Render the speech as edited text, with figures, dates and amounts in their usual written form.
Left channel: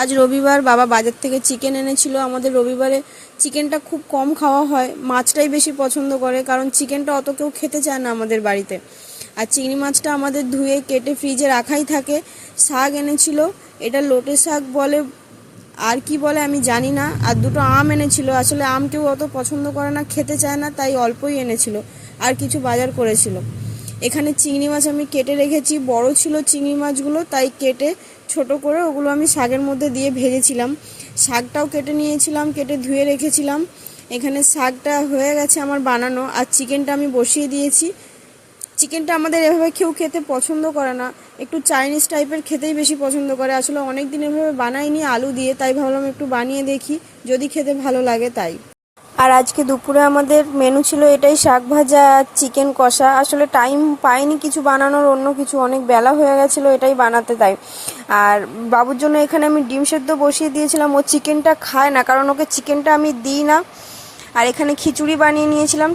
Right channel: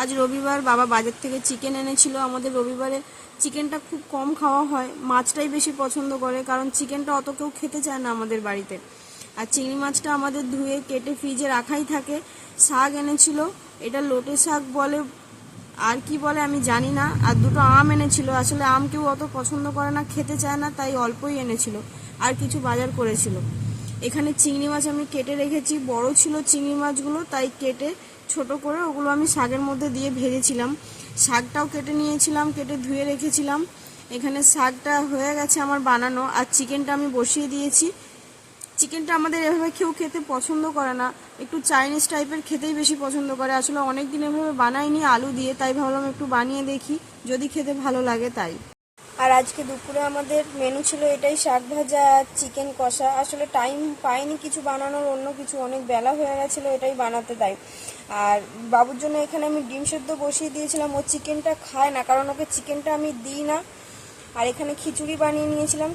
আজ রবিবার, বাবা বাজার থেকে চিকেন এনেছিল। আমাদের রবিবারে চিকেনটা খুব কম খাওয়া হয়, মাছটাই বেশি পছন্দ করে, কারণ চিকেনটা অত কেউ খেতে চায় না আমাদের বাড়িতে। আর চিংড়ি মাছটা আমাদের ধুয়ে কেটে ফ্রিজে রাখাই থাকে। শাক এনেছিল, এটা লোটে শাক বলে, আর কি বলে আমি জানি না। আর দুটো আম এনেছিল, আসলে আম কেউ অত পছন্দ করে না, খেতে চায় না, তাই অল্পই এনেছিল। আর কিছু বাজার করেছিল। এখানে চিংড়ি মাছ আমি কেটে রেখেছি, বড় ছিল চিংড়ি মাছগুলো, তাই কেটে ছোট করে ওগুলো আমি শাকের মধ্যে দিয়ে ভেজেছিলাম। শাকটাও কেটে নিয়েছিলাম, কেটে ধুয়ে রেখেছিলাম। এখানে শাকটা হয়ে গেছে আমার বানানো, আর চিকেনটা আমি বসিয়ে দিয়েছি। চিকেনটা আমাদের এভাবে কেউ খেতে পছন্দ করে না, একটু চাইনিজ টাইপের খেতেই বেশি পছন্দ করে। আসলে অনেক দিন এভাবে বানাইনি আলু দিয়ে, তাই ভাবলাম একটু বানিয়ে দেখি, যদি খেতে ভালো লাগে তাই। আর আজকে দুপুরে আমাদের মেনু ছিল এটাই, শাক ভাজা আর চিকেন কষা। আসলে টাইম পাইনি কিছু বানানোর, অন্য কিছু, অনেক বেলা হয়ে গেছিলো এটাই বানাতে, তাই। আর বাবুর জন্য এখানে আমি ডিম সেদ্ধ বসিয়ে দিয়েছিলাম। ও চিকেনটা খায় না, কারণ ওকে চিকেনটা আমি দিই না। আর এখানে খিচুড়ি বানিয়ে নিয়েছিলাম।